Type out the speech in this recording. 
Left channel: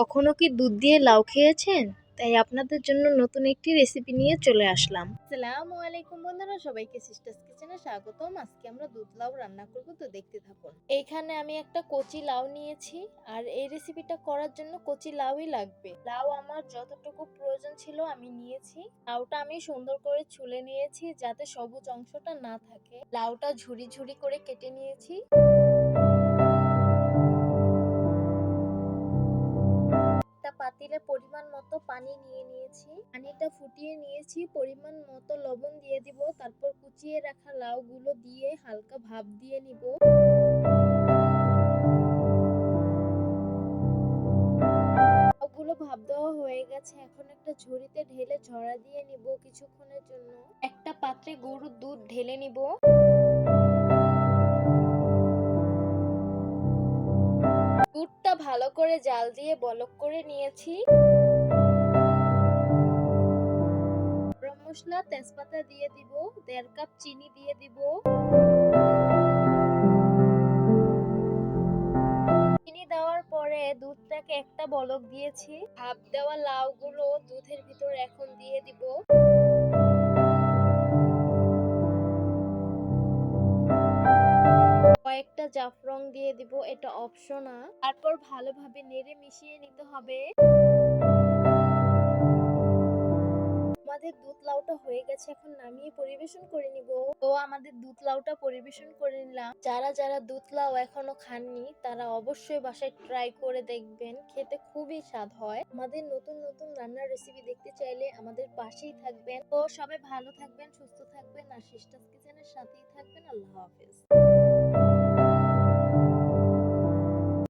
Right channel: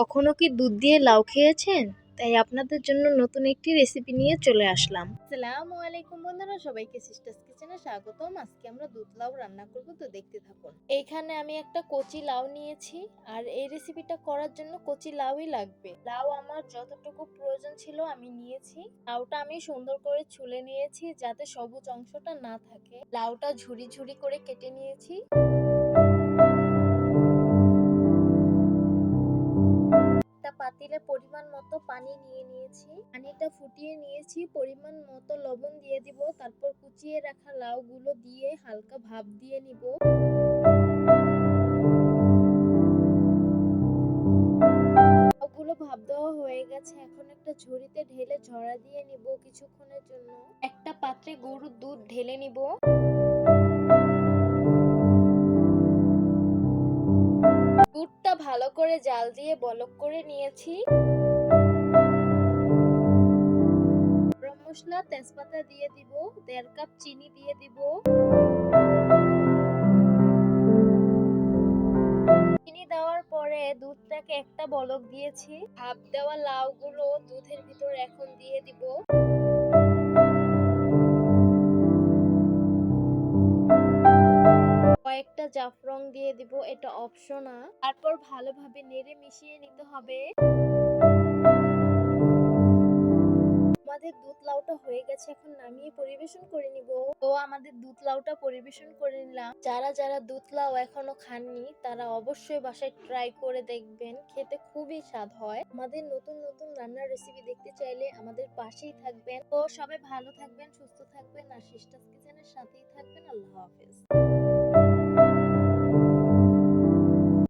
কখনো কি দুধ দিয়ে লাউ খেয়েছেন? তাই আপনাদের জন্য নতুন একটি রেসিপি নিয়ে চলে আসলাম। আসসালামু আলাইকুম বন্ধুরা, সবাইকে সিস্টার্স কিচেনে স্বাগতম। আজকে আমরা দুধ লাউ রান্না করব, তো দেখতে থাকুন। এইখানে আমি একটা কচি লাউ নিয়েছি, আর এই রেসিপিটা করার জন্য কচি লাউই লাগবে। লাউ আমার যতটুকু প্রয়োজন ছিল আমি নিয়েছি। লাউটা আমি সুন্দর করে ছুলে নিয়েছি যাতে সবুজ অংশটা না থাকে। লাউটা ঝুরি ঝুরি করে কেটে নিয়েছি। পাতিলে পরিমাণ মতো পানি নিয়ে নিয়েছি। পানিটা ফুটিয়ে নিয়েছি, পরিমাণ মতো লবণ দিয়ে দিব, তারপর কুচিয়ে রাখা লাউগুলো দিয়ে হালকা ভাপ দিয়ে নিব। ভাপ দেওয়া হয়ে গেছে, এখন একটা ঝুড়িতে ঢেলে ঝরা দিয়ে নিব কিছুক্ষণের জন্য। একটা পাত্রে গরুর দুধ ঢেলে নিব। দুধটা ভালো করে জাল দিয়ে বলক করে নিয়েছি। মশলা তেজপাতা দিয়ে দিব, দেড় কাপ চিনি দিয়ে দিব। চিনি দেওয়ার পরে দুধটাকে একটা বলক দিয়েছি। ভাপ দেওয়া লাউগুলো দুধের ভিতর এখন দিয়ে দিব। জাফরং দিয়ে দিব এটা অপশনাল তারপর ভালোভাবে নেড়ে মিশিয়ে নিতে হবে। আমাদের দুধ লাউটা হয়ে গেছে, এখন নামিয়ে পরিবেশন করে নিব। তো আমাদের দুধ লাউটা পরিবেশন করে নিলাম। যারা যারা দুধ লাউ এখনও খাননি, তারা অবশ্যই বাসায় ট্রাই করে দেখবেন। খেতে খুবই স্বাদ হয়। আমাদের নতুন নতুন রান্নার রেসিপি দেখতে চাইলে আমাদের পাশেই থাকবেন। তো সবাই ভালো থাকবেন, সুস্থ থাকবেন। আর সিস্টার্স কিচেনের সাথেই থাকবেন। আল্লাহ হাফেজ।